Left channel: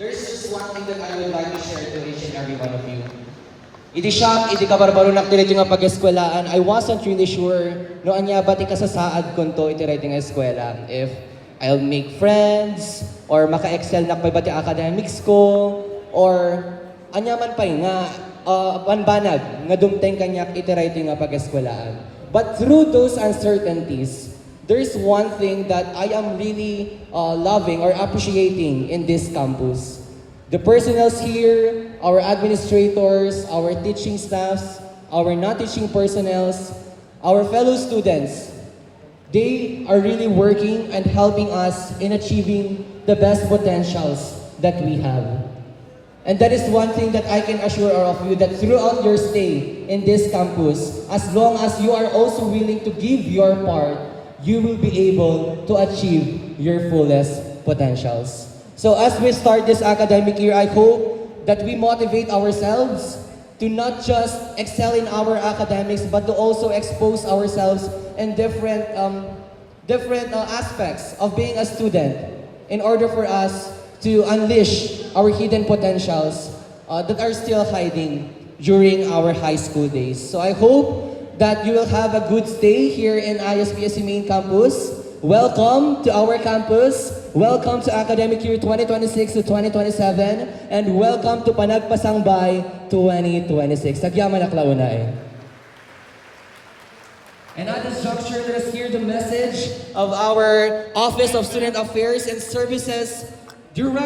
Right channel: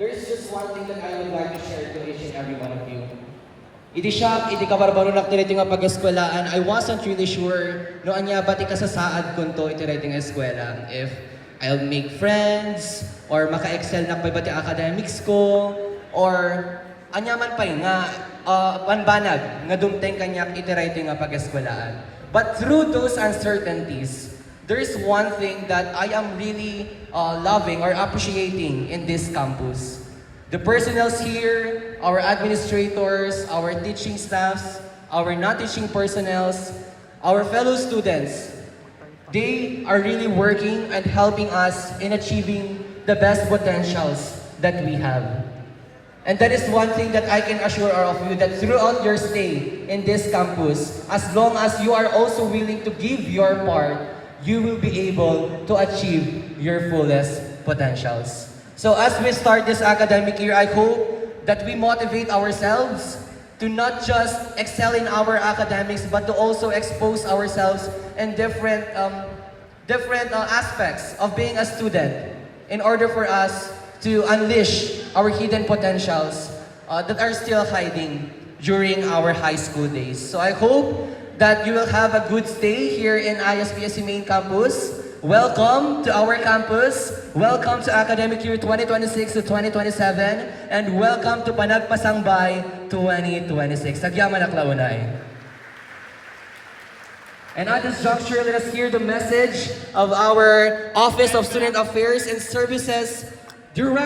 There's just one thing that I would like to share to each and every one of you. Idi siya, idi ka barbarunak dito nga pag-eskwelahan. I wasn't really sure no anya ba ti kasasaad kun to iti nga eskwela. If I'll make friends, or maka-excel na pa ba ti academics ko, or anya man pa nga panbanag nga dumteng kanyak iti nga pag-eskwelahan. But through those uncertainties, there's one thing that I am really loving or appreciating in this campus. The personnels here, our administrators, our teaching staffs, our non-teaching personnels, our fellow students, they are really working and helping us in achieving the best potentials that we have. And that is one thing that I can assure all of you, that throughout your stay in this campus, as long as you are also willing to give your part, you will be able to achieve your fullest potentials. So as we start this academic year, I hope that we motivate ourselves to not just excel in our academics, but to also expose ourselves in different aspects of being a student in order for us to unleash our hidden potentials that are still hiding during our high school days. So I hope that you will have a good stay here in ISPSC Main Campus. Welcome to our campus. Welcome to academic year 2026 to 2027. And welcome to Panagpasangbay 2026. Sagyaman aklaunay. And at this juncture, let us hear the message of our Office of Student Affairs and Services Director.